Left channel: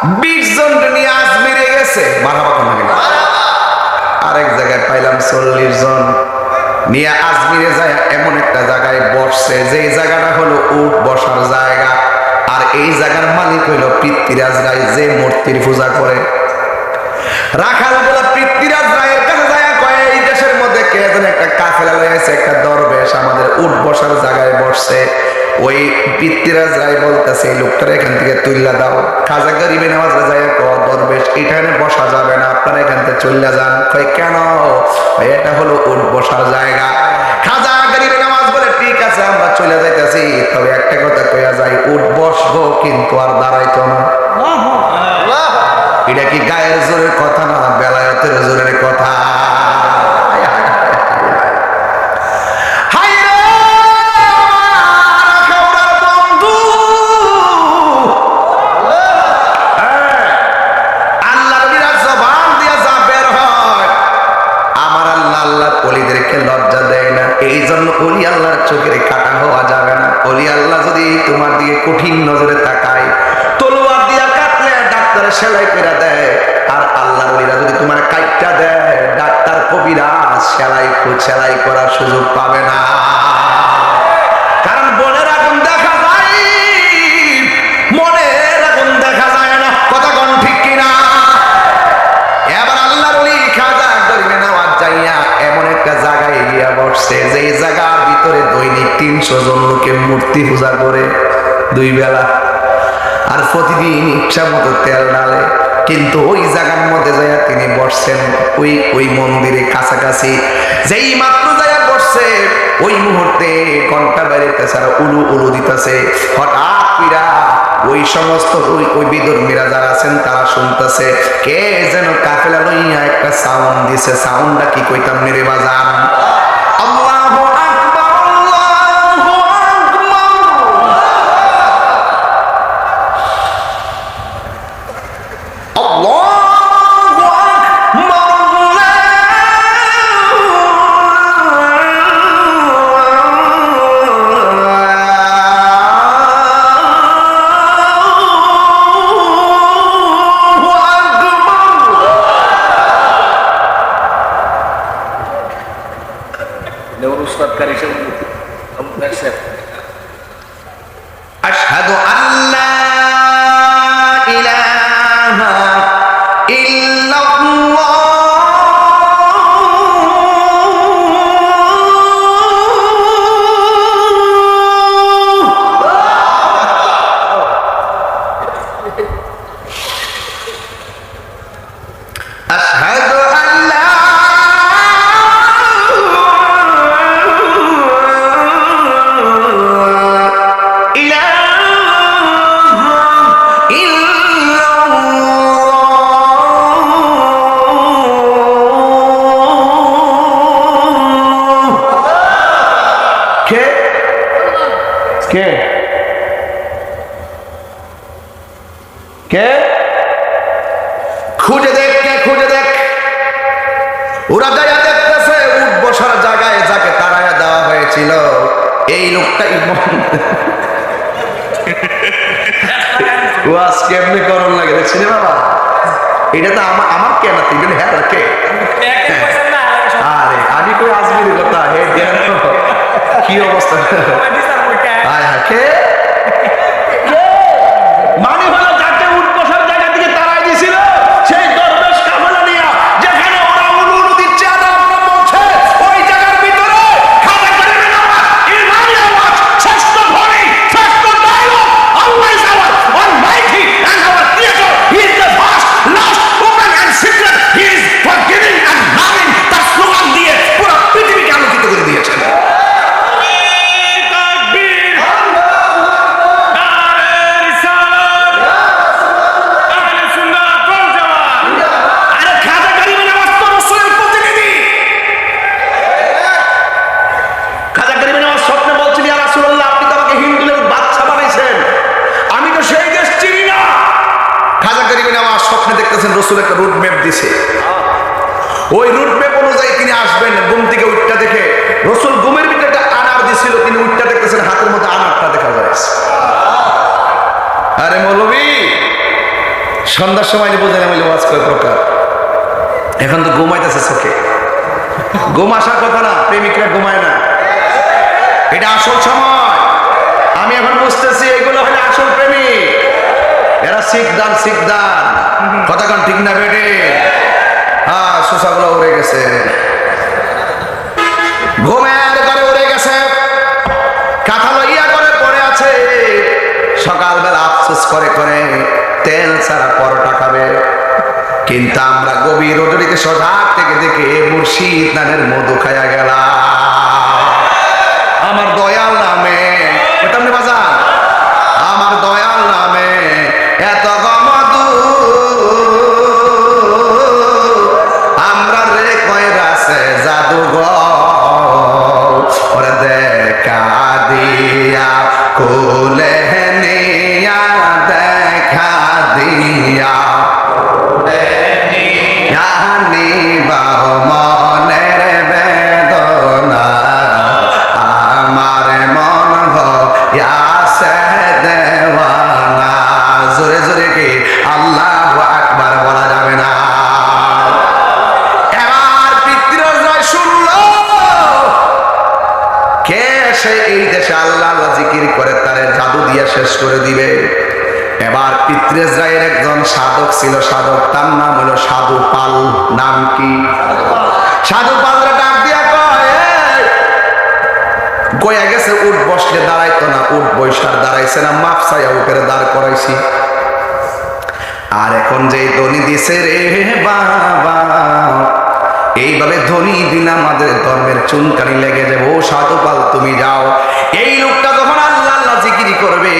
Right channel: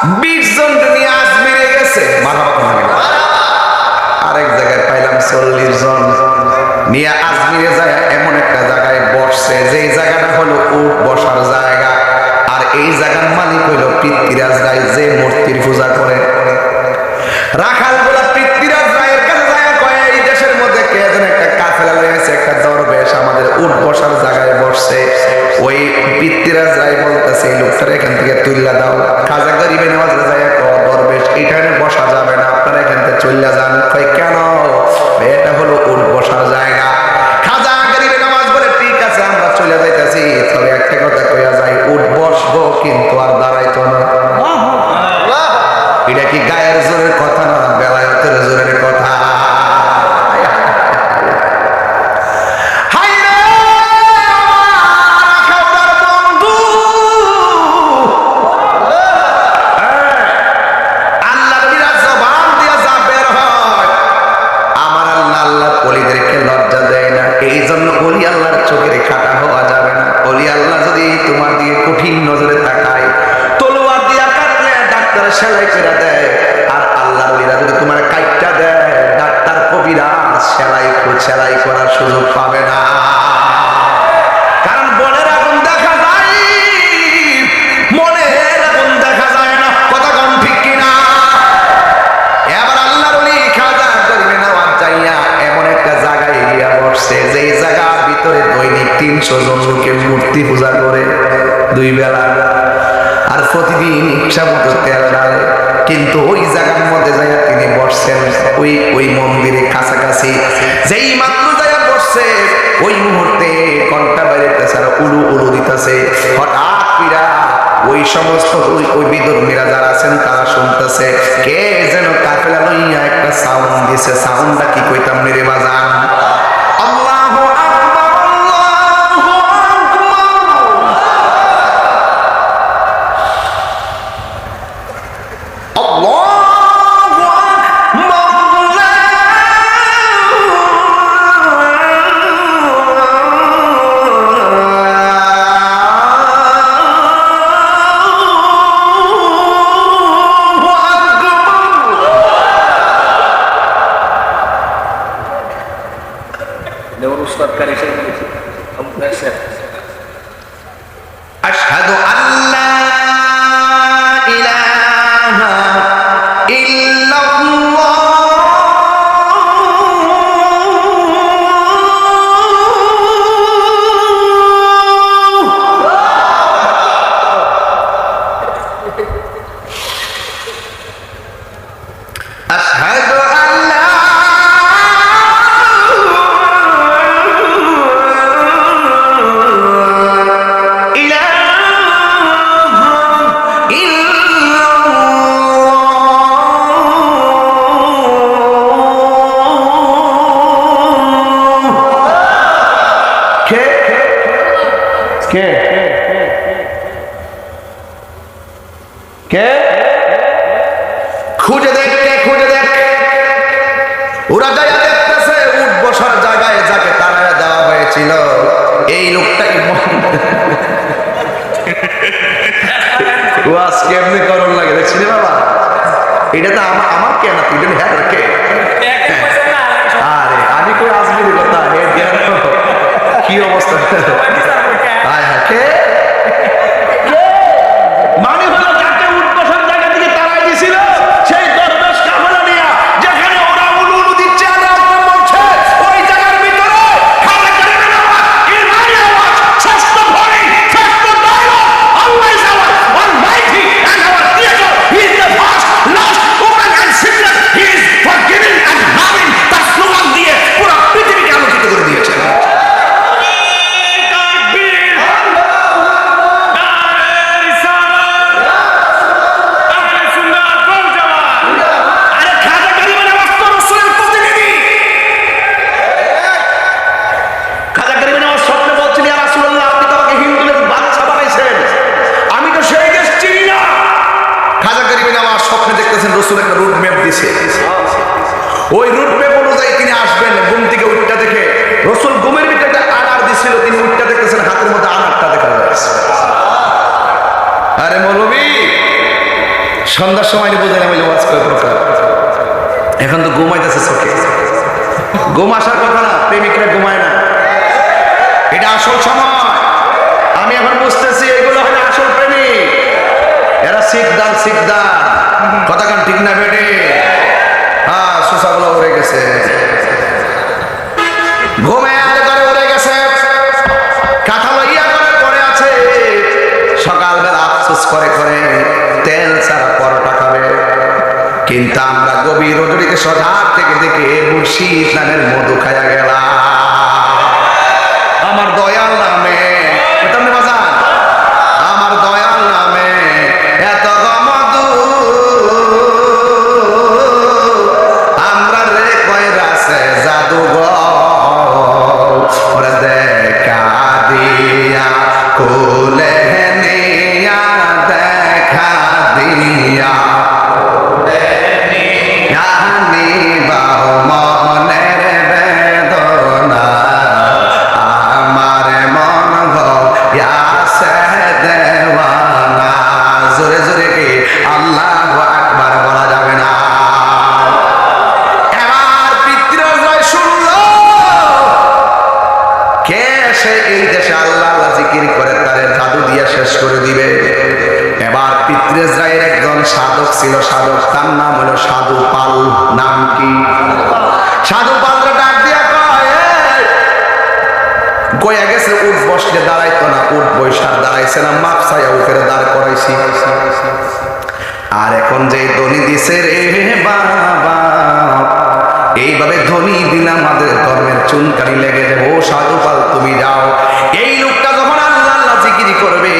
20 জন নিয়ে আজমিরে গেছে, মারহাবা কোন লাগে। আরেক জায়গায় পাইলাম 40 জন নিয়ে আজমিরে যায় এমন একটা জায়গায় বসছে, যেই জায়গাটা হলো উট বসার জায়গা। আর এই জায়গার মালিক হইল পৃথ্বীরাজ রায়, যে মূর্তির পূজা করে। রাখালগুলা পৃথ্বীরাজ রায়ের কাছে যায়, কয় এই দেশের মধ্যে কে যেন একটা কাফেলা লয়ে আছে, একটা দরবেশ আমাদের উট বসার জায়গায় বসছে। ওই পৃথ্বীরাজ রায় বলতেছে এই লোকটারে এখান থেকে তুইলা দাও। খাজা গরিবে নওয়াজ যায়, দরবেশ এখানে বসা যাবে না, আপনারা এখান থেকে চইলা যান। কয় কেন? এটা হলো উট বসার জায়গা। খাজা গরিবে নওয়াজ বলে ঠিক আছে আমরা চলে যাইতেছি, তবে একটা কথা কইয়া যাই, উট বসবো কিন্তু আর দাঁড়াইতো না। এটা কি গায়ের জোরের কথা না, বেলায়েতের জোরের কথা? ওলিদেরকে লজ্জা দেয় না, এই জন্য ওলি আল্লাহর চোখের কাটা হওয়া যাবে না। ওলি আল্লাহ যদি তোমার দিকে কঠিন নজরে তাকায়, তলোয়ার দিয়া কাটলে ডাক্তার সেলাই করে দেয়, আর আল্লাহর ওলিরা যদি তোমার কাইটটা দেয়, ডাক্তার কবিরা সেলাই করার সুযোগ পাবে না। কারণ মনের আগুন দেখা যায়, মনের আগুন দেখা যায় না। কথা কোন ঠিক কিনা? এবার আল্লাহর ওলি খাজা গরিবে নওয়াজ যাইয়া এমন একটা জায়গায় গিয়া বসছে, যেই জায়গার ভিতরে দৈনিক 300 জন লোকে মূর্তি পূজা করে 2 বেলা, আর প্রতিদিন ইচ্ছা মতো তেল ঢালে। কিন্তু ওই জায়গার মধ্যে যাইয়া তিনি বসছেন, ওই মন্দিরে কাছাকাছি যেই মাত্র যাইয়া বসছে, ওই মুহূর্তে ঘন্টা বাইরেতেছে আর উলু উলু দিতেছে। হঠাৎ কইরা ওই সমস্ত ওই বিধর্মীরা যারা আছেন তারা শুনতেছে, কে যেন কাফেলা লইয়া একটা সাউন্ড দিছে। সাউন্ডটা কি কইতাম রে বাজান? আল্লাহু আকবার, আল্লাহু আকবার, আল্লাহু আকবার। আশহাদু আল্লা ইলাহা ইল্লাল্লাহ আশহাদু আল্লা কে কে খুঁজে দেখ, কে খুঁজে দেখ। ওরা যাইয়া দেখতেছে উট বসার জায়গায় যাকে তাড়াইয়া দেওয়া হয়েছিল এই লোকটাই ওয়াজ কেমনে করণ লাগে দেখছিনি বাবা? এটা তো আমার কে না, তুই হ্যাঁ কে? আরে আমি কই আজমির কথা হে জ্ঞান কি অবস্থা? হায় হায়, কে মানে হলো যাকে উট বসার জায়গা থেকে তাড়াই দিয়েছিল সেই দরবেশ কাফেলা নিয়া, যেখানে ওরা উলু উলু দিচ্ছে আর আপনার বলছে, ওই জায়গার ভিতরে খাজা গরিবে নওয়াজ ইমানি আওয়াজ, শ্রেষ্ঠ ধ্বনি, শ্রেষ্ঠ dialogue, Allah is our almighty and our creator, he is the first, last, open and secret, he is forgiving and loving, তার স্লোগান দিয়ে পুরো পৃথিবীকে আলোকিত করে দিয়েছেন। খাজা গরিবে নওয়াজ স্বপ্নে দেখতেছেন রসুল একটা রুট ম্যাপ দিছে, ওই রুট ম্যাপ অনুযায়ী তিনি আসবেন। ঘুম থেকে উঠটা দেখে রসুল ঘুমের ভিতরে একটা আনার দিছিল, তিনি উঠটা দেখতেছেন হাতের মধ্যে আনারটা দেখা যায়। আরে মৌলবী সন্ধ্যার সময় বুঝাইলাম হইলে ওয়াজ কয় প্রকার। এখন তো ঘুমাইতেছে চোখে, ঘুম আসার কথা না, প্রেমিকরা ঘুমায় না, এটা আসল সময়। আমি এখন বুঝতেছি এগুলো হলো আসল প্রেমিক, এরা শিখদান কথা কান ঠিক না বেটে? হ্যাঁ, সুসাগুলো উড়ে গেছে, ঘুমের ঘরে উড়ে গেছে, কাঁথা লইয়া করে পড়ে আছে। সকালবেলা আফসোস করে করে তেল ছাড়া পরোটা খাবে, কিন্তু আমরা গভীর রজনীতে সজাগ থেকে দেখে মুর্শিদ নামের মধু খাইয়া গেলাম। আমার দয়াল নামে তেমনি বাজান, আমার দয়াল নামে এত মধু আমরা রে কইরাছে জাদুঘর, ওরে দেখা দিয়া কোলে নিয়া, দেখা দিয়া মনের বেদনা, আমার মন গয়াছে দেওয়ানা। জোরে জোরে কি আল্লাহু আকবার বলা যাবে না? এবার পিতৃরাজ শুনল কে সে এই দেশে আল্লাহ আল্লাহ জিকির করে তারে জাদু দিয়া শেষ করে দিবে। এবার পিতৃরাজের একজন সাধক ছিল, সাধক, তার নাম হলো সাধু পাল। নাম কি? সাধু পালরা ডাক দিয়া কয়, গয়া গেছে উঠ বসলে দাঁড়াইতো না, উঠ বৈশার দাঁড়াইছে না, মাপ চাইয়া উপরে দাঁড় করাইছি। আর এখন যে ধনী দিছে রে বাবা, এইভাবে ধনী দিন আমাদের ধর্মের চুনকানি লেগে যাবে। ও সাধু পাল তুমি যাও, এই লোকটা যখন আল্লাহ আল্লাহ জিকিরি করবে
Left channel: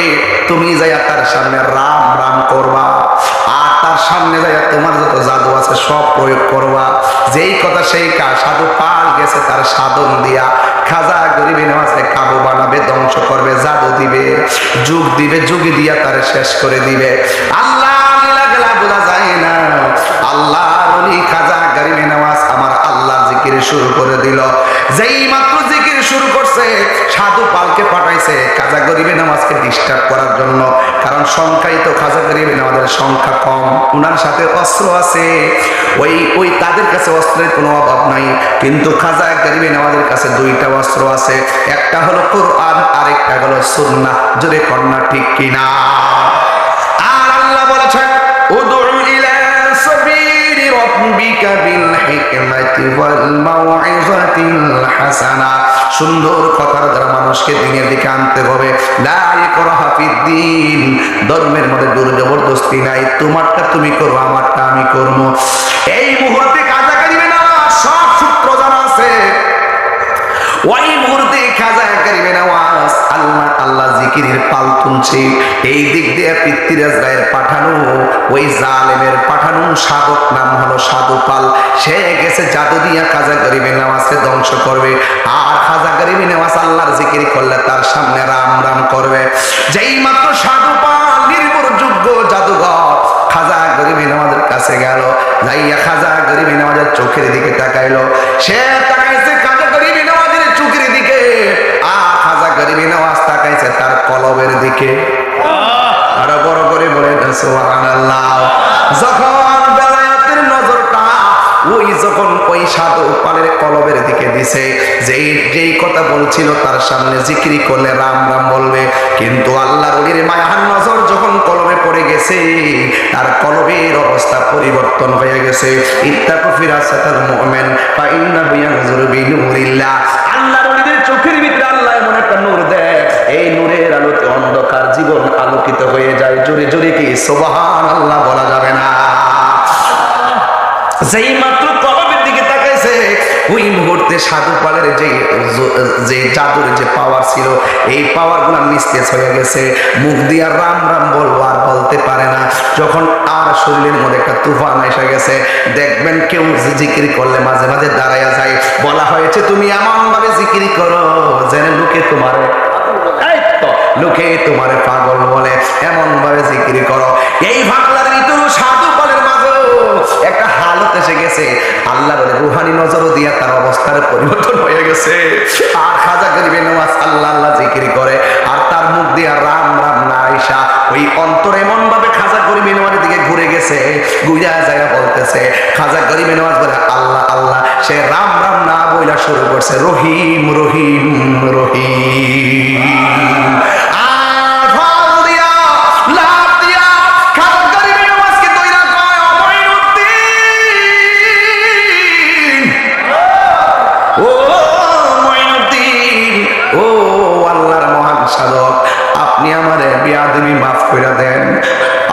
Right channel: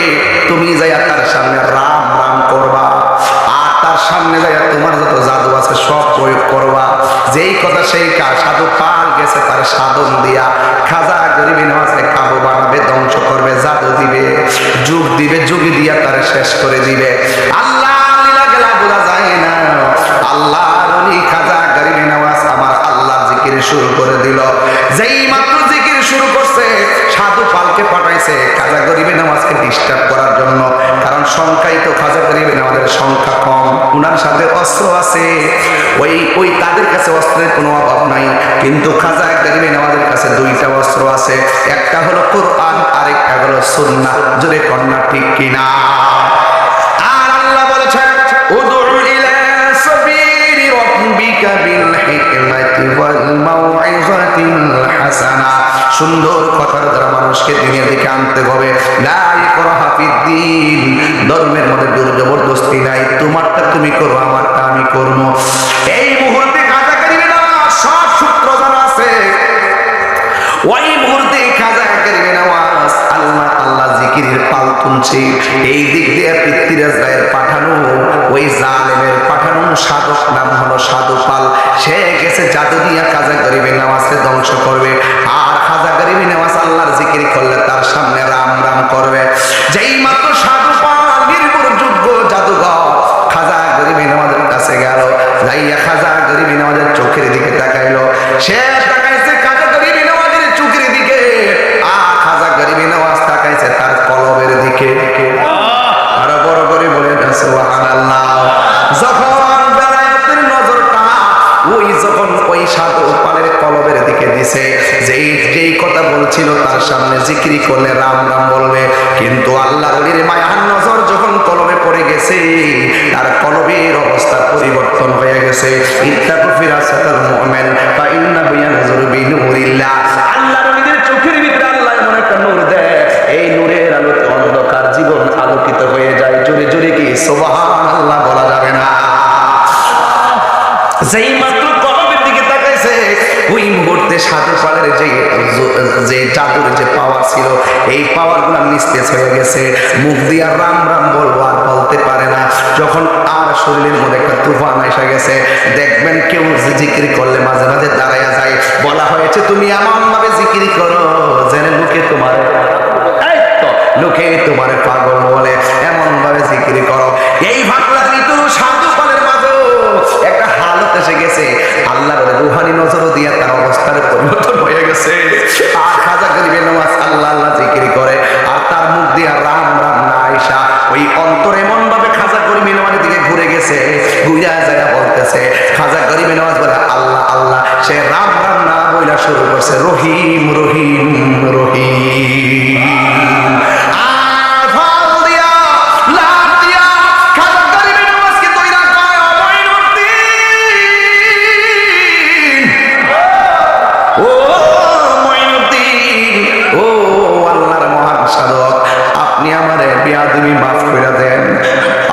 তুমি যাইয়া তার সামনে রাম রাম করবা, আর তার সামনে যাইয়া তোমার যত জাদু আছে সব প্রয়োগ করবা। যেই কথা সেই কাজ। সাধু পাল গেছে তার সাধন দিয়া, খাজা গরিবী নামাজে কাবু বানাবে, ধ্বংস করবে, জাদু দিবে, যুগ দিবে, যুগি দিয়া তারে শেষ করে দিবে। আল্লাহ লীলা গেলা বোঝা যায় না। আল্লাহর ওলি খাজা গরিবী নামাজ আমার আল্লাহর জিকির শুরু করে দিল। যেই মাত্র জিকির শুরু করছে সাধু পালকে পাঠাইছে খাজা গরিবী নামাজকে ডিস্টার্ব করার জন্য, কারণ সংখ্যাই তো খাজা গরিবী নামাজের সংখ্যা কম, উনার সাথে অস্ত্র আছে, ওই তাদের কাছে অস্ত্রের কোনো অভাব নাই, কিন্তু খাজা গরিবী নামাজের কাছে দুইটা অস্ত্র আছে, একটা হলো কোরআন, আরেকটা হলো সুন্নাহ। জোরে কন্যা ঠিক কিনা? আর আল্লাহ বলেছেন উদউ ইলা সাবিলি রাব্বিকা বিল হিকমাতি ওয়াল মাউইযাতিল হাসানা। সুন্দর কথার দ্বারা মানুষকে দ্বীনের দিকে আনতে হবে। লা ইকরাহা ফিদ্দীন, ধর্মের মধ্যে জোর জবরদস্তি নাই, তোমারটা তুমি করো, আমারটা আমি করব। এই মুহূর্তে কাজা করিবে না, সব সূত্র জানা আছে। ওই মুহূর্তে খাজা করিবে নামাজ আল্লাহ আল্লাহ জিকিরের পাল তুলছে। এই দিক দিয়ে পৃথ্বীরাজ রায়ের পাঠানো, ওই জালেমের পাঠানো সাধক নাম হলো সাধু পাল, সে গেছে জাদু দিয়া খাজা গরিবের নামাজকে ধ্বংস করবে। আর খাজা গরিবের নামাজ আল্লাহর জিকির করলে তার সামনে রাম রাম করবে। যেই মাত্র সাধু পাল নির্ভরযোগ্য জাদুঘর খাজা গরিবী নামাজের কাছে গেল, যাইয়া খাজা গরিবী নামাজের চোখের দিকে তাকাইলো। সে তাকাইছে খাজা গরিবী নামাজের চোখের দিকে, আর খাজা গরিবী নামাজ তাকাইছে তার কলবের দিকে। আরো বড় করে বলে সুবহানাল্লাহ। যখন বেলায়েতের নজরটা যখন ওই সাধু পালের কলবের দিকে দিছে, যেই কথা বলছিল তার সামনে জিকিরি করলে রাম রাম বলবে, কিন্তু আল্লাহর ওলির মায়ার নজর যখন কলবে পড়ে গেছে তার কলবের অবস্থা পরিবর্তন হয়ে গেছে। ইত্তাকু ফিরাসাতাল মুমিন ফা ইন্নাহু ইয়ানজুরু বিনুরিল্লাহ। আল্লাহর ওলিদের চোখের ভিতরে আল্লাহ এমন একটা নূর দেয়, এই নূরের আলোতে অন্ধকার জীবন আলোকিত হয়ে যায়। জোরে জোরে কি সুবহানাল্লাহ বলা যাবে না? যেই মাত্র কলবের দিকে তাকাইছে ওই মুহূর্তে সাধু পালের যে জাদুর যে পাওয়ার ছিল এই পাওয়ার গুলা নিস্তেজ হয়ে গেছে। মুখ দিয়ে রাম রাম বলবো আর বলতে পারে না। যখন আর শরীরের মধ্যে একটা তুফান এসে গেছে, দেখবেন কেউ জিকির করলে মাঝে মাঝে দাঁড়াইয়া যায়। বলা হয়েছে তুমি এমন ভাবে জিকির করো যেন লোকে তোমারে লোকে তোমার পাগল বলে, এমন ভাবে জিকির করো। এই ভাগলার ঋতু সাধু পালের মাঝেও একটা হালত এসে গেছে, আল্লাহর রুহানি নজর দিয়া তার অবস্থার পরিবর্তন হয়ে গেছে। আর খাজা গরিবে নামাজ আল্লাহ আল্লাহ জিকির করে, আর তার মুখ দিয়া রাম রাম না আইসা ওই অন্তর এমন ভাবে খাজা গরিবে নওয়াজের দিকে ঘুরে গেছে, ঘুরে যায় বলতেছে, খাজা গরিবে নওয়াজ বলে আল্লাহ আল্লাহ, সে রাম রাম না বইলা শুরু করছে রহিম রহিম রহিম। আর ফাল দিয়া লাভ দিয়া খাজা গরিবে নওয়াজকে দইরা কয় ও মঈনুদ্দিন, ও মঈনুদ্দিন, ও আল্লাহর মহান সাধক, আপনি আমারে বেয়াদবি মাফ করে দেন।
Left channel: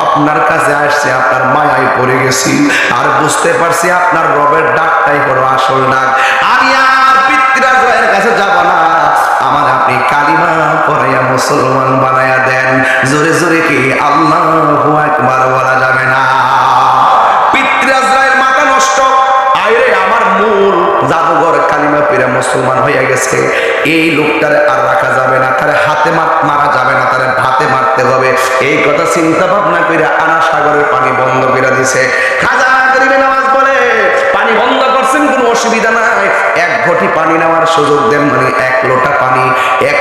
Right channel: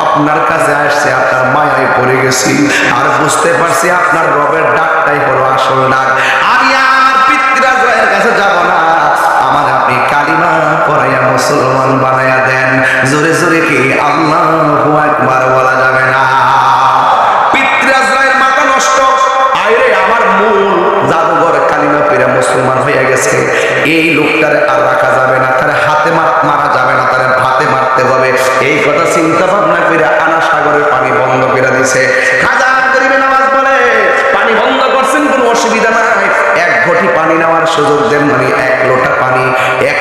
আপনার কাছে আসছে, আপনার মায়ায় পড়ে গেছি, আর বুঝতে পারছি আপনার রবের ডাকটাই হলো আসল ডাক। আমি আর পিতৃরাজের কাছে যাব না, আমার আপনি কালিমা পড়াইয়া মুসলমান বানাইয়া দেন। জোরে জোরে কি আল্লাহু আকবার বলা যাবে না? পিতৃরাজের মাথা নষ্ট, আরে আমার মূল জাদুঘর কালিমা পীরা মুসলমান হয়ে গেছে, এই লোকটারে আর রাখা যাবে না, তার হাতে মারা যাবে না, তার ভাতে মারতে হবে। এই কথা চিন্তা ভাবনা করে আনা সাগরের পানি বন্ধ করে দিছে। খাজা গরিবে নওয়াজ বলে পানি বন্ধ করছেন, কোনো অসুবিধা নাই, এক ঘটি পানি নেওয়ার সুযোগ দেন। মানে এক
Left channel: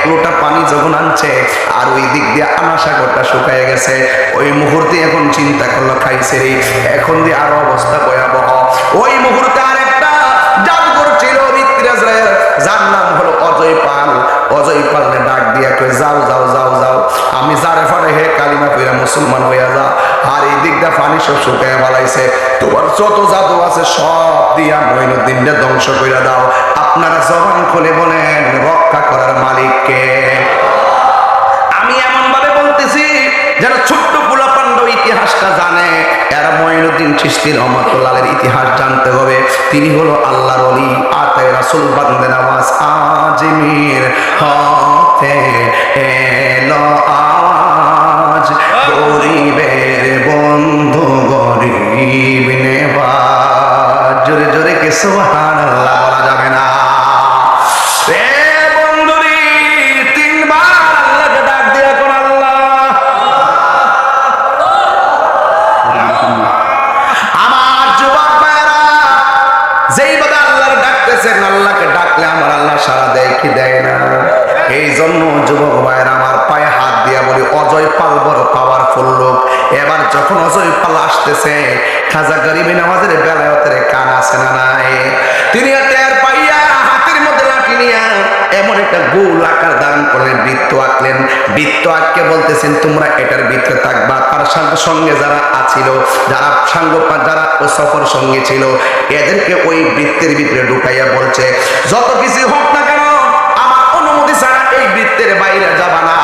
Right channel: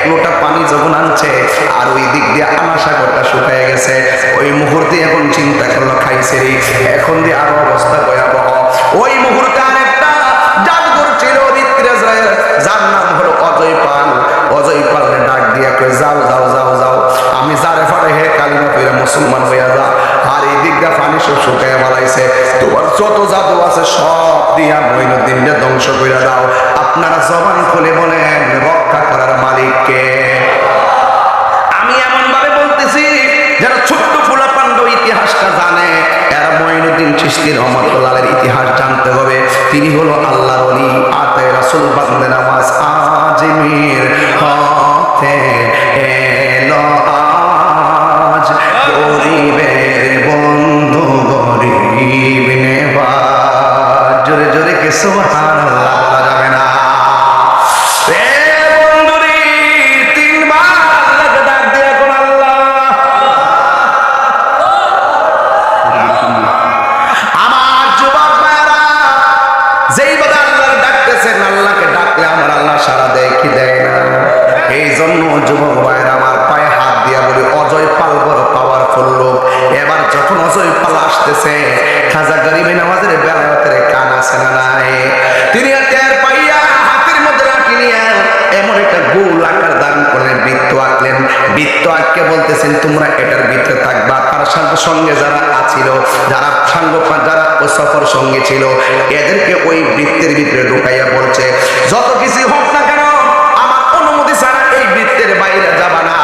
লোটা পানি যখন আনছে, আর ওই দিক দিয়ে আনা সাগরটা শুকায় গেছে। ওই মুহূর্তে এখন চিন্তা করলো খাইছে রে, এখন দিয়ে আরো অবস্থা ভয়াবহ। ওই মুহূর্তে আরেকটা জাদুঘর ছিল ঋত্বিরাজের, যার নাম হলো অজয় পাল। অজয় পালনে ডাক দিয়া কই যাও যাও যাও যাও, আমি যারে ফাটে হে কালিমা পীরা মুসলমান হইয়া যা। আর এই দিক দিয়ে পানি সব শুকাইয়া বালাইছে, তোমার যত জাদু আছে সব দিয়া মঈনুদ্দিনকে ধ্বংস কইরা দাও। আপনারা জবান খুলে বলেন রক্ষা করার মালিক কে? আমি এমন ভাবে বলতেছি যেন ছোট্ট পোলা পান্ড ইতিহাসটা জানে। এরা মঈনুদ্দিন চিশতি রহমাতুল্লাহের ইতিহাস জানতে হবে। তিনি হলো আল্লাহর ওলি, আতায়ে রাসূল বান্দে নামাজ আজমির হতে এলো আজ, গরিবের বন্ধু গরিব নেওয়াজ। জোরে জোরে কে সুবহানাল্লাহ বলা যাবে না? আল্লাহকে ডাকলে আমার আল্লাহ সারা দেয় কি দেয় না? এই জন্য যুবক ভাইয়ের আমার পায়ে হাত দিয়া বলি, অজয় পাল বড় পাওয়ারফুল লোক। এবার যখন অজয় পাল আসতেছে, খাজা গরিবে নওয়াজের বেলায়তের কান আছে না নাই? তিনি টের পাইয়া হাতের মধ্যে লাঠি নিয়ে এমন একটা গোল আকার ধারণ করলেন, বৃত্ত আঁকলেন। বৃত্ত আঁককে বলতেছেন তোমরা এটার ভিতরে থাকবা। তার সঙ্গে যারা আছিল, যারা যারা ও সফর সঙ্গে ছিল, এদেরকে ওই বৃত্তের ভিতরে ঢুকাইয়া বলছে যত কিছু হোক না কেন আমার অনুমতি ছাড়া এই বৃত্তের বাইরে যাবা না।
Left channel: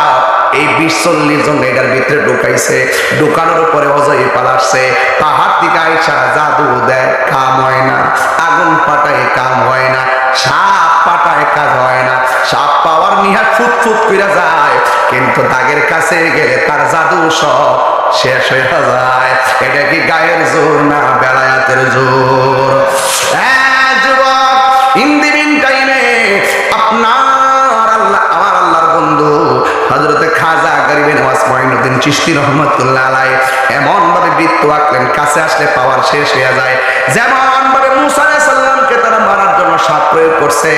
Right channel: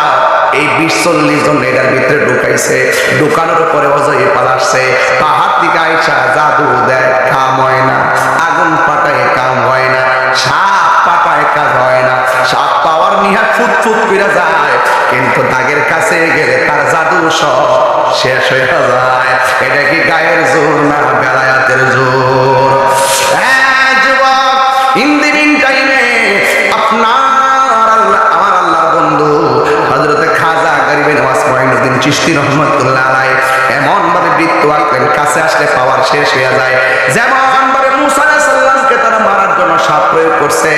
এই 20-40 জন এটার ভিতরে ঢুকাইছে। ঢুকানোর পরে অজয় পাল আসছে, পাহাড় থেকে আইসা জাদু দেয়, কাম হয় না। আগুন পাটায় কাম হয় না, সাপ পাটায় কাজ হয় না। সাপ পাওয়ার নিহাত ফুট করে যায়, কিন্তু দাগের কাছে গেলে তার জাদু সব শেষ হয়ে যায়। এটা কি গায়ের জোর না বেলায়াতের জোর? যুবক, ইন দি মিন টাইমে আপনার আল্লাহ, আমার আল্লাহর বন্ধু হযরতে খাজা গরিবে নওয়াজ মঈনুদ্দিন চিশতি রহমাতুল্লাহ আলাইহি এমন ভাবে বৃত্ত আঁকলেন, কাছে আসলে পাওয়ার শেষ হয়ে যায়। যেমন ভাবে মুসা আলাইহিস সালামকে তারা মারার জন্য সাপ প্রয়োগ করছে,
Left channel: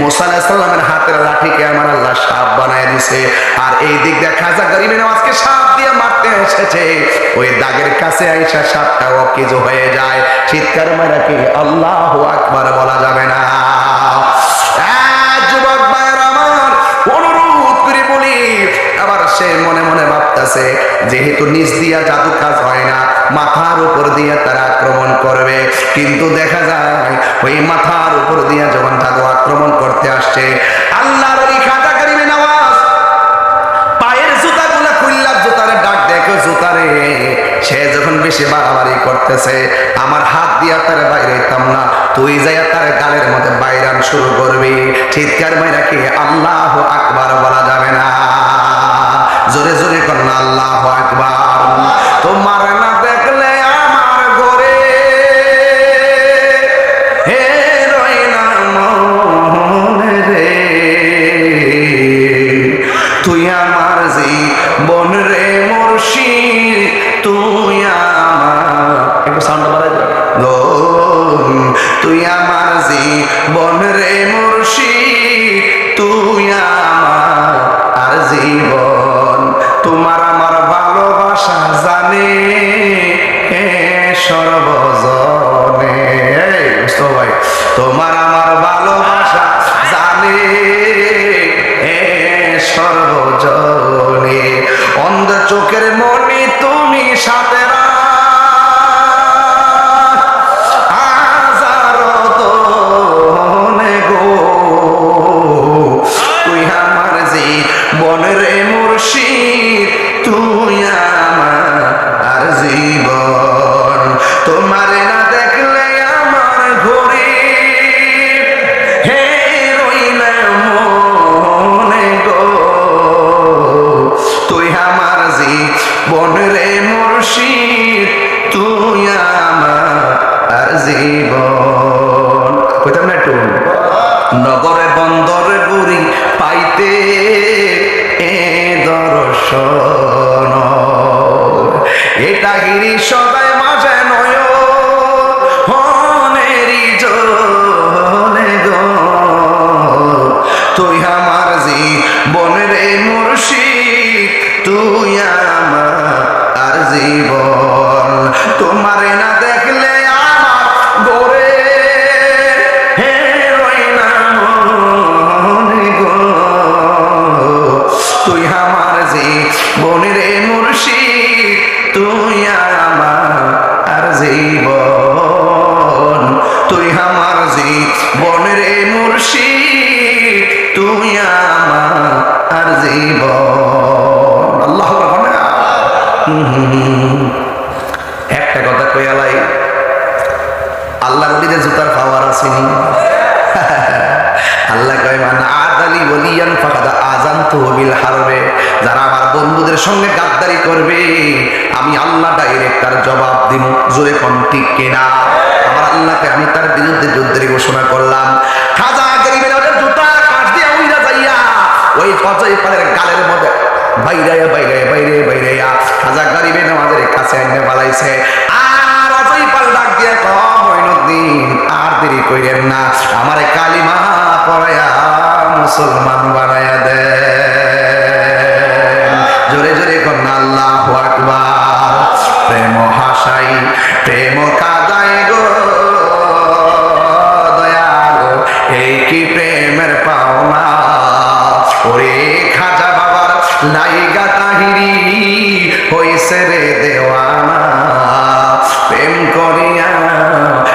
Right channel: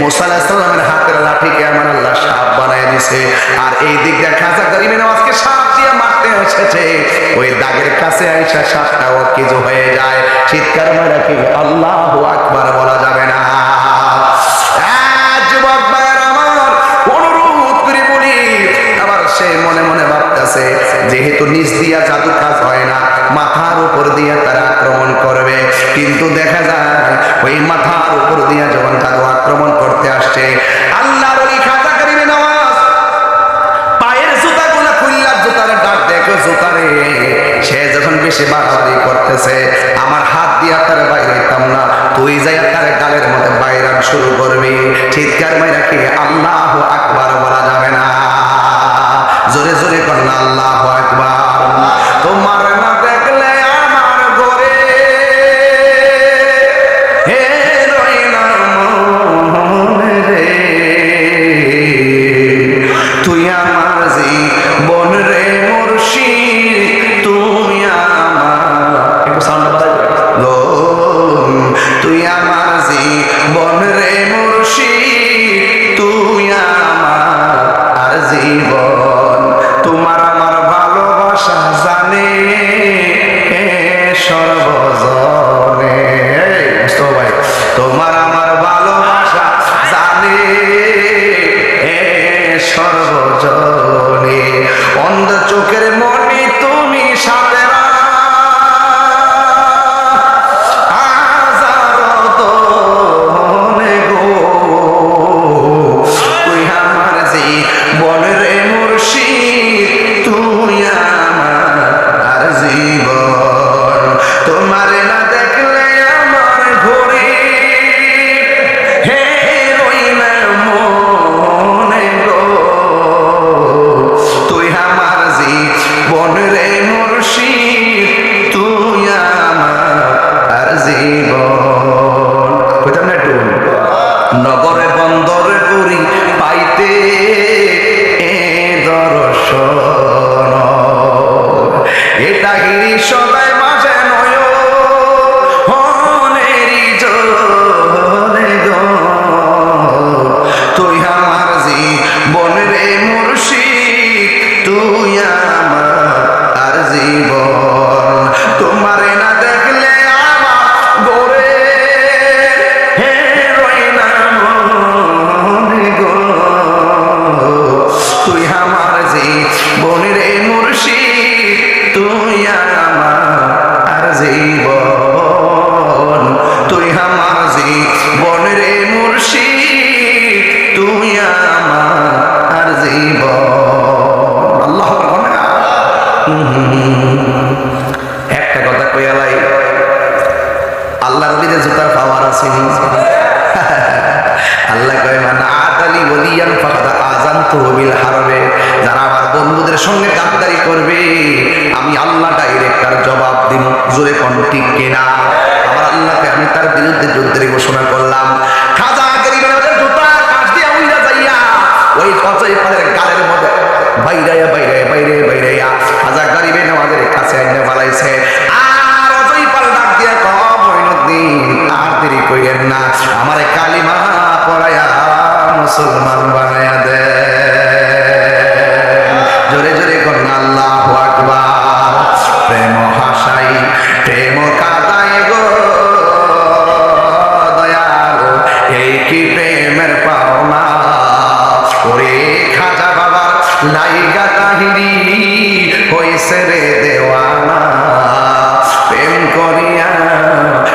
মুসা আলাইহিস সালামের হাতের লাঠিকে আমার আল্লাহ সাপ বানায় দিয়েছে। আর এই দিক দিয়ে খাজা গরিবে নওয়াজকে সাপ দিয়ে মারতে এসেছে, ওই দাগের কাছে আইসা সাপটা অকেজো হয়ে যায়। চিৎকার মারা কি আল্লাহু আকবার বলা যাবে না? যুবক ভাইয়েরা আমার, অনুরোধ করে বলি, আবার সে মনে মনে ভাবতেছে যেহেতু নিচ দিয়া জাদু কাজ হয় না, মাথার উপর দিয়ে তারা আক্রমণ করবে। কিন্তু দেখা যায় ওই মাথার উপর দিয়ে যখন জাদু আক্রমণ করতে আসছে, আল্লাহর ওলি খাজা গরিবে নওয়াজ পায়ের জুতাগুলা খুললা জুতারে ডাক দেখো জুতারে, সে যখন বেশি বাড়াবাড়ি করতেছে, আমার হাত দিয়া তার বাইরে হইতাম না, তুই যাইয়া তার গালের মধ্যে বাইরান শুরু করবি। চিৎকার মাইরা কি আল্লাহু আকবার বলা যাবে না? জোরে জোরে কর না আল্লাহু আকবার। তোমার না দেখলে আমার ঘরে হে রই না মনে রে, তুই আমার জীবন রে মুর্শিদ, তুই আমার, একটু সাউন্ড বাড়াই লো, তুই আমার জীবন রে মুর্শিদ, তুই আমার আর জীবন, তোমার আমার ভালোবাসা তোমার আমার ভালোবাসা জানে সর্বজনে, অন্ধ চোখের মনি তুমি সাথে বনরে মুর্শিদ তুই আমার জীবন, তোমারে না দেখলে আমার ঘরে হে রই না মনে গো, তুই আমার জীবন রে মুর্শিদ তুই আমার জীবন। কইতাম না একটু, নগরে বন্দরে গুরি পাইতে এ দর্শন, এটা গিরি সদাই মাঝে নয় হনেরি জনে গো, তুই আমার জীবন রে মুর্শিদ তুই আমার জীবন, তোমারে না দেখলে আমার গোরে তুই আমার জীবন রে মুর্শিদ তুই আমার জীবন, তুই আমার জীবন রে মুর্শিদ তুই আমার জীবন। আল্লাহ একটা কথা কইয়ালাই, আল্লাহর ওলিদের জুতার পাওয়ার আসেনি। আল্লাহ কয় মান আদালি ওলিয়ান ফাকাদ আযানতুহু বিল হারবে, যারা আমার বন্ধুদের সঙ্গে গাদ্দারি করবে আমি আল্লাহ ডাইরেক্ট তার জবাব দিব। জোরে কোন ঠিক কিনা? আমার আল্লাহকে আমি তার বিরুদ্ধে যুদ্ধের ঘোষণা করলাম। খাজা গরিবে নজর জুতা কাশ দিয়া উইরা যাইয়া ওই অজয় পালের গালের মধ্যে বাইরাইয়া বাইরাইয়া বাইরে বাইরাইয়া খাজা গরিবে নওয়াজের কাছে এনে ফেলাইছে। আর অজয় পাল ডাক দিয়ে কম মঈনুদ্দিন আর দেরি কইরেন না, আমারে কালিমা পড়ায়া মুসলমান বানায়া দে। জোরে জোরে কন্যা আল্লাহু আকবার। প্রেম হাসাই প্রেম কাদায় গো দয়াল, এই কি প্রেমের পাওনা, ওরে খাজা বাবার লাইগা তাহিরি হইছে রে দেওয়ানা, প্রেম করিয়া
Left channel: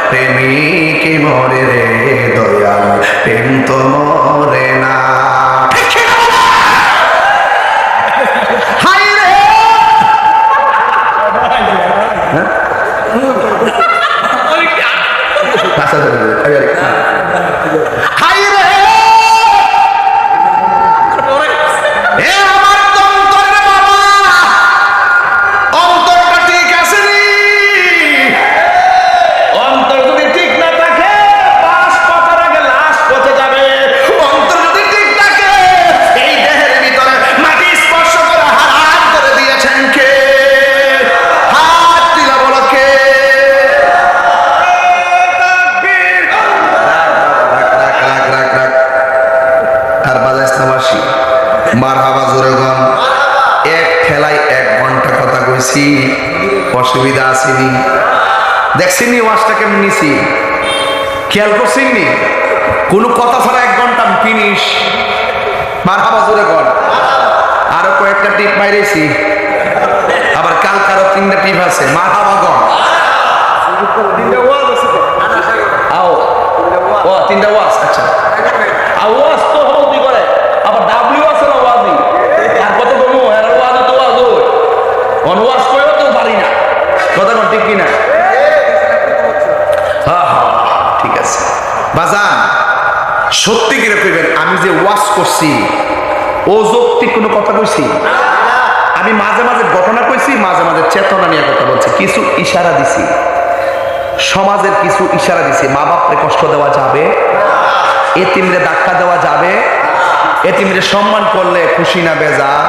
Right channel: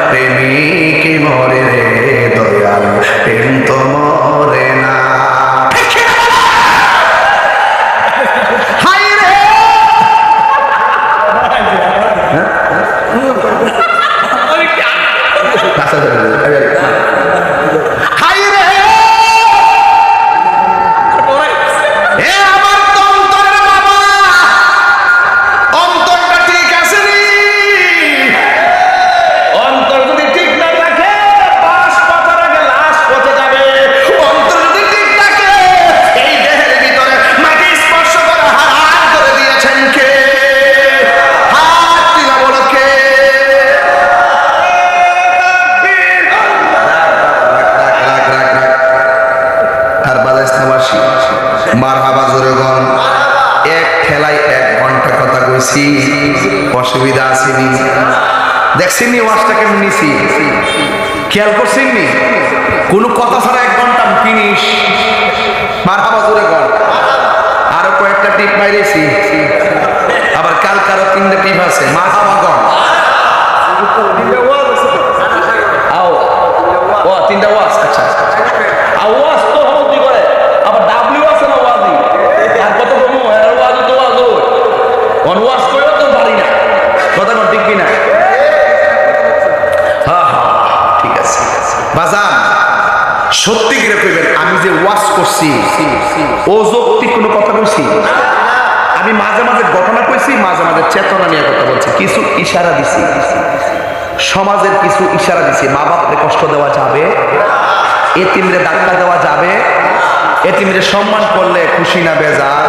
প্রেমিক মরে রে দয়াল, প্রেম তো মরে না। হাই রে হাই রে এ আমার তন্তরের বাবা, অন্তরটা ঠিক আছে নি? অন্তর যদি ঠিক না থাকে বাস পচার আগে লাশ পচে যাবে। অন্তর যদি ঠিক থাকে এই দেহের ভিতরে মাটি স্পর্শ করে হারাম করে দিয়েছেন কে? হাত তুলে বলো কে? আর বাজাইস না বাসি মারহাবা জোরে গন। এক ঠেলায় 1 ঘন্টা কথা কইছি, অসুবিধা আসেনি? দেখছেনি ওয়াজটা কেমন নিছি? খেয়াল করছেননি? কোনো কথা ছাড়া 1 ঘন্টা ফিনিশ। মারহাবা জোরে গন। আরো কয়েকটা টিপ মাইরেছি, আবার কাল কারো 3টা টিপ আছে। মারহাবা গন। 3টা ওয়াজ আছে। আও ও 3টা ওয়াজ, আচ্ছা আওয়াজ তো হলতি করে, আবার ডাব্লিউ আছে না ওয়াজি, আর কত কমু এর ওয়াজ তো ওয়াজ হয়, অন ওয়াজ কইও তো পারি না। কথা কোন ঠিক কি না? হ্যাঁ হ্যাঁ ঠিক আছে বাজান, সত্যি করে কইবেন আমি যে ওয়াজ করছি ও যৌক্তিক কোনো কথা কইছি? আমি মাঝে মাঝে ঘটনা কইছি, মাঝে মাঝে চেতনা নিয়ে কথা বলছি, কিছু ইশারা দিছি, সমাজের কিছু ইশারা দিছি। মা বাপরে কষ্ট দেওয়া যাবে, এতিমরে ধাক্কা দেওয়া যাবে, এতিমরে সম্মান করলে খুশি না বেজার?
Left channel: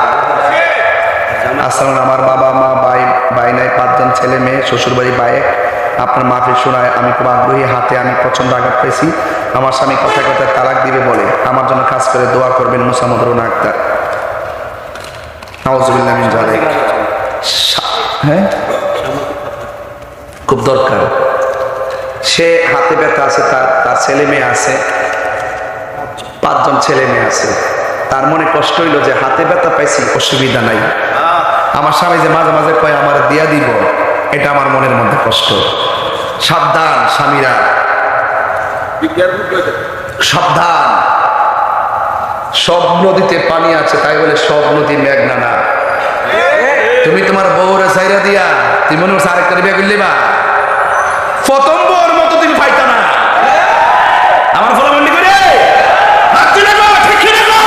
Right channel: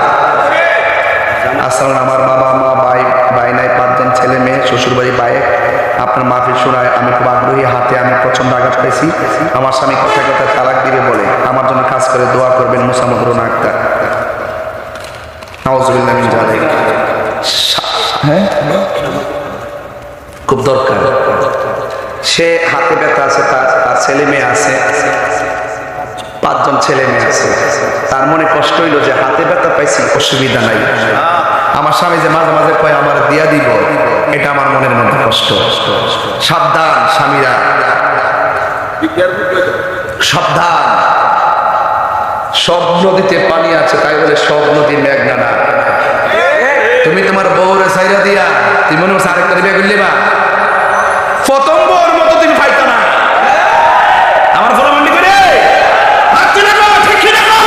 আসলে আমার বাবা মা ভাই নাই, 5 জন ছেলে মেয়ে, শ্বশুর বাড়ি বাইক। আপনার মাহফিল শোনায় আমি খুব আগ্রহী, হাতে আমি প্রচন্ড আঘাত পাইছি। আমার স্বামী কথায় কথায় তালাক দিবে বলে, আমার জন্য কাজ করে দোয়া করবেন। মোসাম্মদ রুনা আক্তার। নাউজুবিল্লাহ মিন যালিক। হ্যাঁ খুব দরকার। সে হাতে ব্যথা আছে, তার ছেলে মেয়ে আছে, 5 জন ছেলে মেয়ে আছে। তার মনে কষ্ট হইল যে হাতে ব্যথা পাইছি, অসুবিধা নাই, আমার স্বামী যে মাঝে মাঝে কয় আমার দিয়া দিব, এটা আমার মনের মধ্যে কষ্ট। সাবধান স্বামীরা, সাবধান। সব নদীতে পানি আছে, তাই বলে সব নদী মেঘনা না। তুমি তোমার বউরে সাইরা দিয়া তুমি মনে করছো আরেকটা বিয়ে করলে বা প্রথম বউর মতো তুমি পাইতা না। আমার ফলামন্ডি করে হাত তুলে গো, ঠিক কি দেখো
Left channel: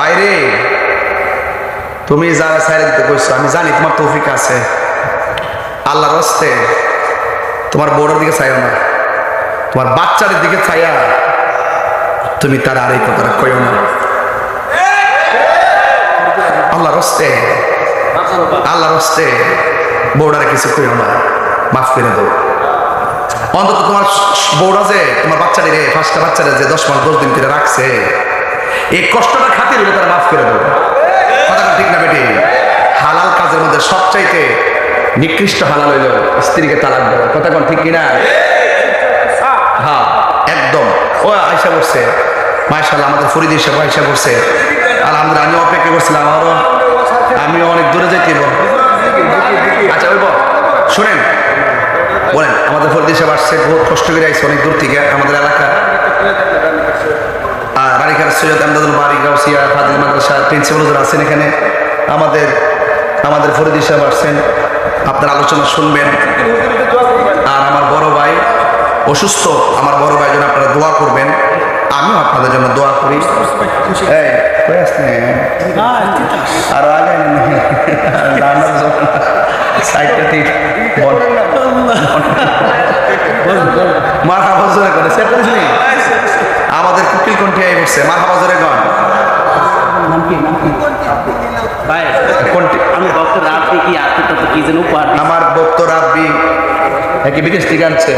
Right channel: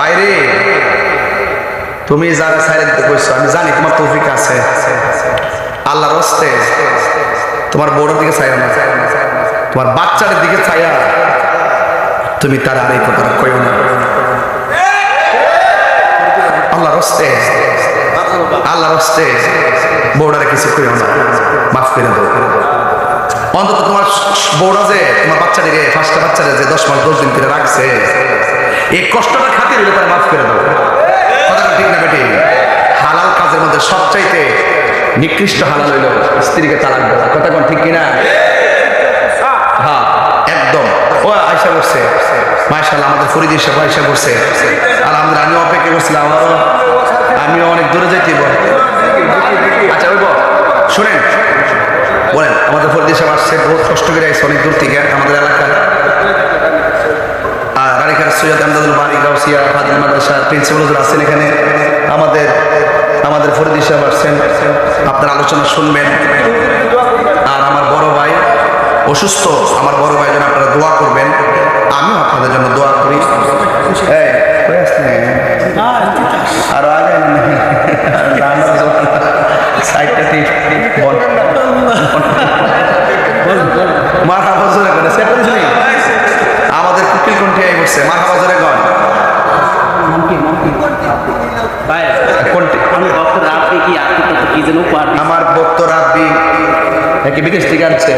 বাইরে। তুমি যারা ছাইরে দিতে কইছো, আমি জানি তোমার তৌফিক আছে, আল্লাহর হস্তে তোমার বউর দিকে চাইও না, তোমার বাচ্চাদের দিকে চাইয়া তুমি তার আর এই কথাটা কইও না। আল্লাহর হস্তে, আল্লাহর হস্তে বউডারে কিছু কইও না, মাফ করে দাও। অন্তত তোমার বউরা যে তোমার বাচ্চাটিরে, 5টা বাচ্চারে যে 10 মাস 10 দিন করে রাখছে, এই কষ্টটা খাতির হইলে তারা মাফ করে দাও। কথা ঠিক না বেটি? হালাল কাজের মধ্যে সবচাইতে নিকৃষ্ট হালাল হইল স্ত্রীকে তালাক দেওয়া। কথা কোন ঠিক কিনা? হ্যাঁ একদম। ও আয়সা করছে মাশাআল্লাহ, আমাদের ফরিদ সাহেব আয়সা করছে আলহামদুলিল্লাহ। আমি অপেক্ষা করছিলাম, আমিও অনেক দূরে যাইতে। আচ্ছা ওই শোনেন, বলেন আমাদের ফরিদ সাহেব আসছে, বহুত কষ্ট করে আইসে অনেক দূর থেকে আমাদের এলাকা। রানীখার সৈয়দ আমদাদুল বারি গাউসিয়া ফাজিল মাদ্রাসার প্রিন্সিপাল হুজুর আছেন এখানে। আমাদের ফরিদ সাহেব আসছেন, আপনার আলোচনা শুনবেন। আর আমার বড় ভাই অসুস্থ, আমার বড় ভাই জন্য আপনারা দোয়া করবেন, আমিও আপনাদের জন্য দোয়া করি। এই কই আসলে আর আগে সাইডটা ঠিক মার হাবা জোরে করে সেট করেছি। আমাদের কুকিল কণ্ঠে আই বসছে, মার হাবা জোরে গন। আমার বক্ত রাব্বি কি বিদেশ থেকে আনছে,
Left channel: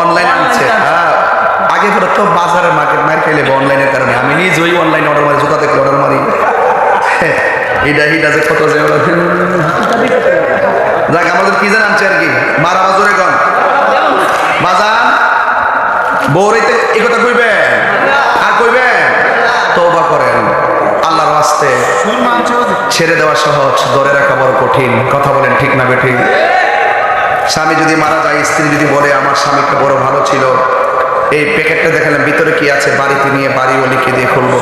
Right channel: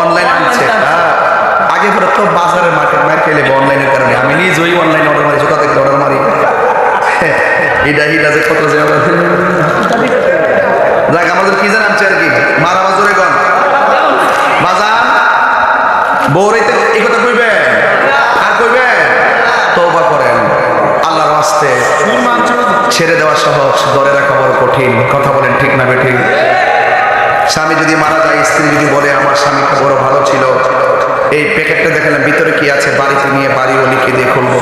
অনলাইনে আনছে। আগে পরে তো বাজারের মার্কেট মার খেলে অনলাইনের কারণে আমি নিজেই অনলাইনে অর্ডার মারি, জুতা দেখলে অর্ডার মারি। এটা যে কত যে যাক আমাদের কি জান আনছে আর কি। মারা বাজরে গন বাজান বউরাইতে এই কথা কইবেন আর কইবেন, তওবা করেন আল্লাহর ওয়াস্তে। ছেড়ে দেওয়া সহজ, ধরে রাখা বড় কঠিন। কথা বলেন ঠিক না বেঠিক? স্বামী যদি মারা যায়, স্ত্রী যদি বলে আমার স্বামীটা বড় ভালো ছিল, এই প্যাকেটটা দেখালাম ভিতরে কি আছে, বাড়িতে নিয়ে বাড়ি ও লিখে দিয়ে খুলবো,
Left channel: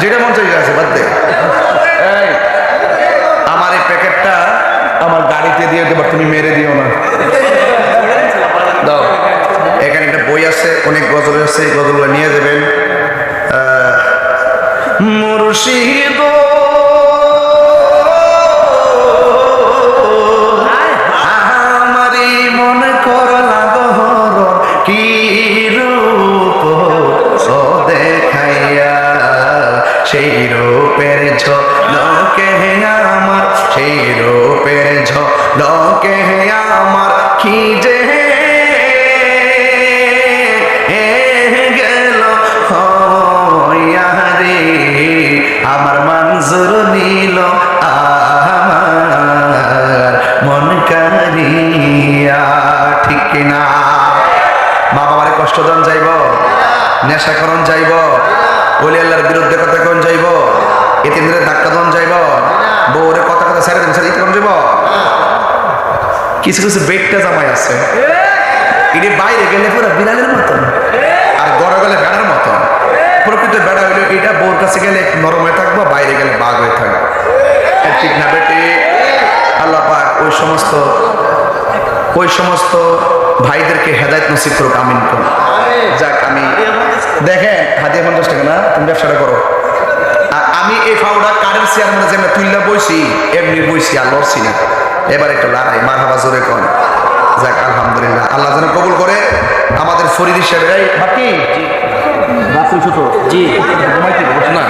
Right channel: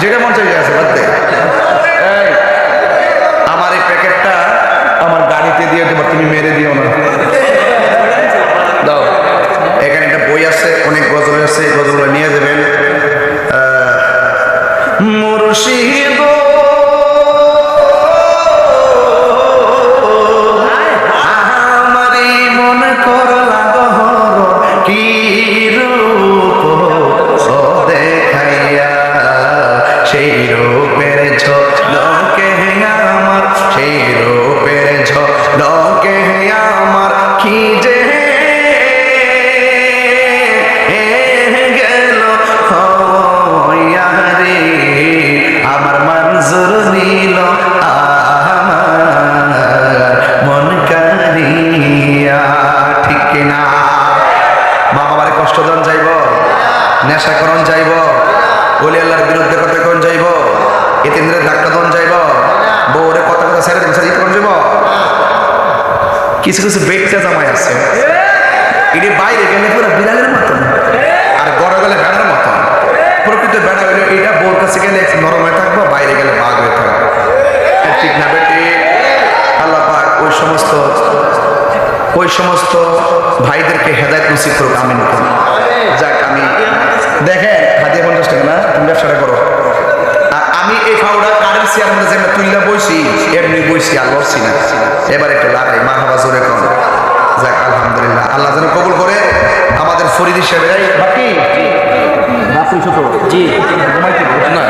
যেটা মন চাই আছে বাদ দে। এই আমার এই প্যাকেটটা আমার গাড়িতে দিয়ে দেবো, তুমি মেরে দিও না, দাও। এখানে একটা বই আছে, অনেক গজল আছে, গজলগুলো নিয়ে যাবেন। মুর্শিদ আমারি মন করলা গহর কি রূপ ও দেখাইয়া, সেই রূপের ঝলকে আমার, সেই রূপের ঝলকে আমার কি যে গেল রে, আমার মঞ্জুর নিল আমার মন কারিয়া। ঠিক কিনা? মা বাবারে কষ্ট দেন যাইব, নেশা করন যাইব, ওলি আল্লাহর বিরুদ্ধে কথা কোন যাইব, এতিমদের ধাক্কা দন যাইব, বউরে কথা ছেড়ে দেবেন ছেড়ে দিতে কোন যাইব। কিছু কিছু বেটটা জামাই আছে, এটি বাইরে গেলে পুরো বিড়ালের মতন, আর গড়ে গেলে বেড়ার মতন। প্রকৃত বেড়া হইলে এটা বউর কাছে গেলে নরম হয়ে থাকবো, বাইরে গেলে বাঘ হয়ে থাকবো। ঠিক না বেটি? আল্লাহ পাক ওই সমস্ত ভাইদেরকে হেদায়েত নসিব করুক, আমিন করুন। যাক, আমি দেখেন হাদিয়া 50 টাকা না, তুমি ব্যবসাটা করো। আর আমি এই ফাউডা কারের চেয়ার মধ্যে যেমন তুইলা বইছি, এমনি বইছি আর লড়ছি না। এবার একটু লড়াই, মার হাবা জোরে কোন যাক আলহামদুলিল্লাহ, আল্লাহ যেন কবুল করে আমাদের ফরিদ সাহেবের। বাকি রাত্রি ছোট জি ঘুমাইতে না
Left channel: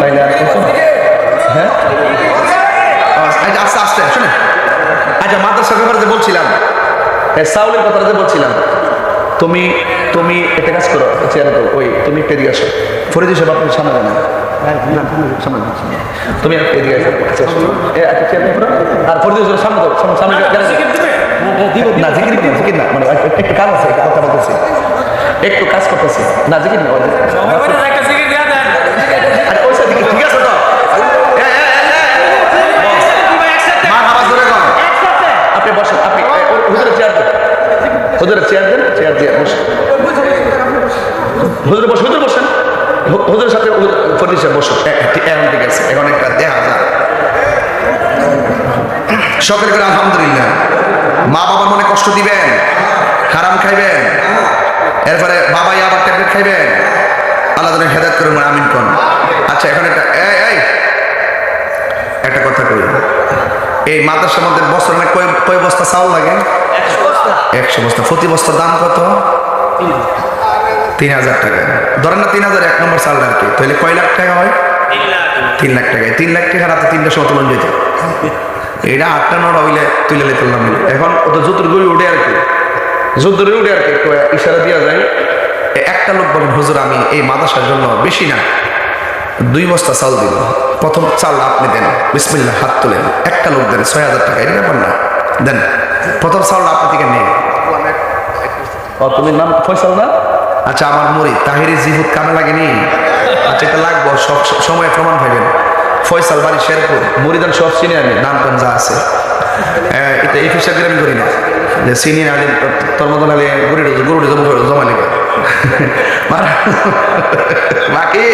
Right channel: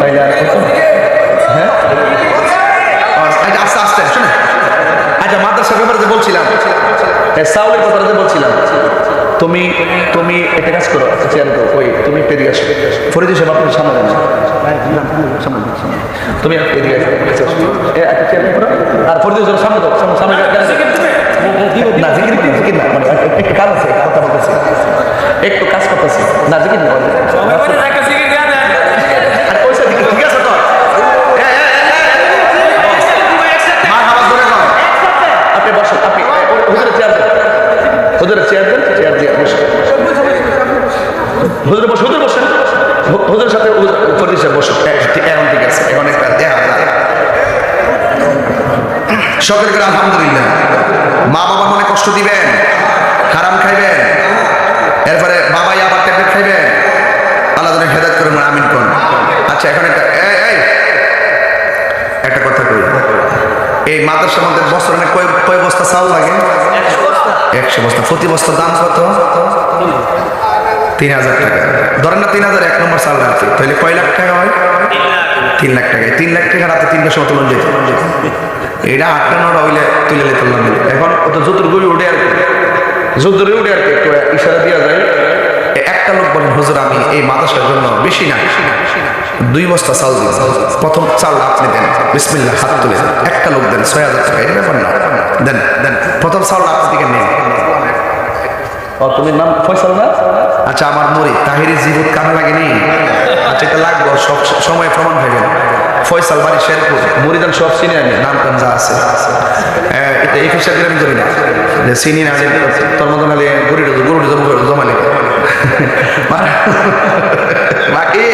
তাইলে আর কত হ্যাঁ আস্তে আস্তে শুনে। আচ্ছা মাদ্রাসার ব্যাপারে যে বলছিলাম, সাউলের কথাটা যে বলছিলাম, তুমি তুমি একটা কাজ করো, চেয়ার দাও, ওই তুমি একটা এদিকে আসো, ফরিদ সাহেব আপনার সামনে যান, তুমি এদিকে আসো, একটা চেয়ার করো, আর ফরিদ সাহেব সামনে দাও, সামনে না জিকির জিকির না, মানে একটু কাজ আছে, কথা বলতেছি, একটু কাজ করতেছি না, জিকির না, আর ওই সাইড ঠিক আছে তো, আপনি বসেন, আপনি হুজুরের চেয়ার দেন, হুজুরের চেয়ার দেন, চেয়ার দিয়ে বসেন, হুজুরে বসে, হুজুর বসেন, হুজুরের সাথে ফরিদ সাহেব বসুন। এখন ঠিক আছে, এখন একটা দেখা যায় সকলে করে আলহামদুলিল্লাহ। মা বাবার মনে কষ্ট দিবেন, হারাম খাইবেন, এরপরে বাবাই আবার ট্যাবলেট খাইবেন, আল্লাহ যেন হেদায়েত করেন, আমিন কোন। আচ্ছা এখন একটা কথা কই, এই মাদ্রাসার মধ্যে বছর না কয় বস্তা চাউল লাগে? 100 বস্তা। প্রতি বস্তার দাম কত? 3000 টাকা। ধরেন না 3000 এক নম্বর চাল আর কি, তাহলে কয় লাখ টাকা হয়? 3 লাখ টাকা। 3 লাখ টাকা রাতে 3টার সময় তুলন যেত, এটা 8টা 9টা হইলে তুলে নিতাম। এখন অত যুদ্ধের গড়ি উঠে আর কি, যুদ্ধের উঠে আর কি, একটু ইশারা দেওয়া যায়। একটা লোক বলেন, হুজুর আমি এই মাদ্রাসার জন্য বেশি না 2 বস্তা চাল দিন, প্রথম চাল আপনি দেন, বিসমিল্লাহ, হাত তুলেন, একটা লোক দেন 6000 টাকা, এটা ব্যাপার না, দেন প্রথম চাল আপনি থেকে নেই। ও তুমি নাম ফয়সাল না? আচ্ছা আমার মুরিদ তাহিরি জিহুদ কামে লাগেনি? আচ্ছা এটা লাগবো, সব সময় প্রমাণ পাইবেন। ফয়সাল বাড়ি শেরপুর, মুরিদান সব চিনি আমি, নাম টাম যা আছে, এটা এই ফিসার আমি করি না, যে চিনি না তোর মতন হলে গরুটি জমা লেগে বাকি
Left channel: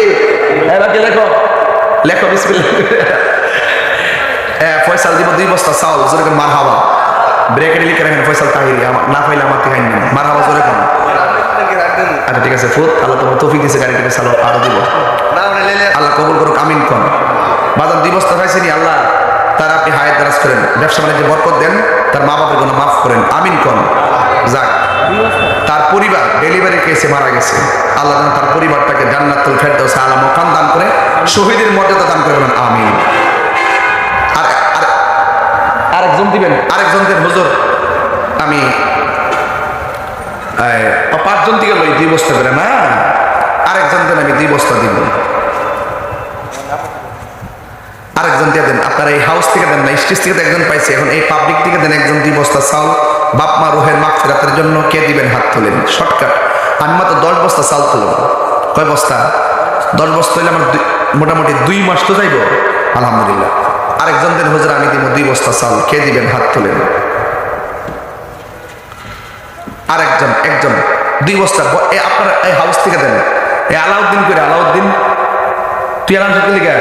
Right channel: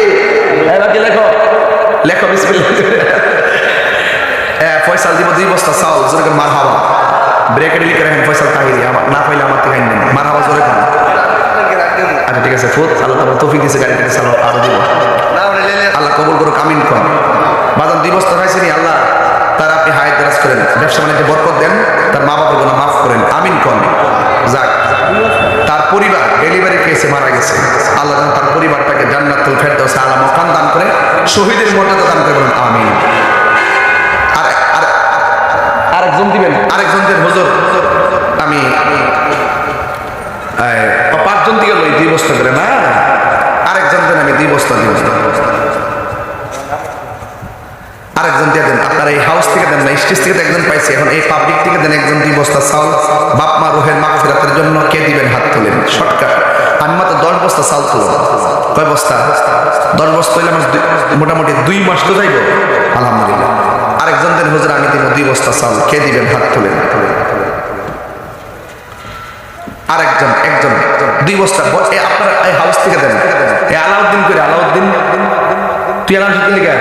বাকি লেখো লেখো বিসমিল্লাহ। ফয়সাল দিব 2 বস্তা চাউল, জোরে কোন মারহাবা, ব্রেকেটে লিখে রাখেন ফয়সাল তাহিরি, আমার না পাইলে আমার থেকে নিন, মারহাবা জোরে কোন। আচ্ছা ঠিক আছে ফুত, আল্লাহ তোমার তৌফিক দিয়েছে, গাড়িটা চালো আরো দিব, আল্লাহ কবুল করুক, আমিন কোন। বাজান 2 বস্তা খাইছেনি, আল্লাহ তার আপনি হায়াত দারাজ করেন, ব্যবসা বাণিজ্যে বরকত দেন, তার মা বাবার গুনাহ মাফ করেন, আমিন কোন। যাক তার পরিবার ডেলিভারি কেসে মারা গেছে, আল্লাহ যেন তার পরিবারটাকে জান্নাতুল ফেরদাউসে আলা মাকাম দান করে, শহীদের মর্যাদা দান করে, বলেন আমিন। আর আরেকজন দিবেন, আরেকজন দেন, হুজুর আমি 5 জন দিকে লই 2 বস্তা করে না, আরেকজন দেন, আমি 2 বস্তা দিব, আরেকজন দিয়ে দেন, আপনার এই হাউস থেকে দেন না, স্টেজ থেকে একজন পাইছি, এখন এই পাবলিক থেকে দেন একজন 2 বস্তা চাউল, বাপ মা রুহের মাগফিরাতের জন্য, কে দিবেন হাত তোলেন, শর্টকাট। আমি মাত্র 10 বস্তা চাউল তুলব, কয় বস্তা? 10 বস্তা হইলে আমার মোটামুটি 2 মাস তো যাইব, আলহামদুলিল্লাহ। আরেকজন দেন, হুজুর আমি দিব 2 বস্তা চাউল, কে দিবেন হাত তোলেন। আরেকজন, একজন 2 বস্তা, আপনার এই হাউস থেকে দেন, এই আলাউদ্দিন করে, আলাউদ্দিন তুই আলাম লিখা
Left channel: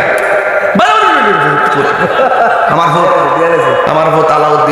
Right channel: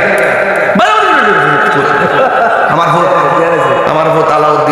আমার ভোট আলাউদ্দিন।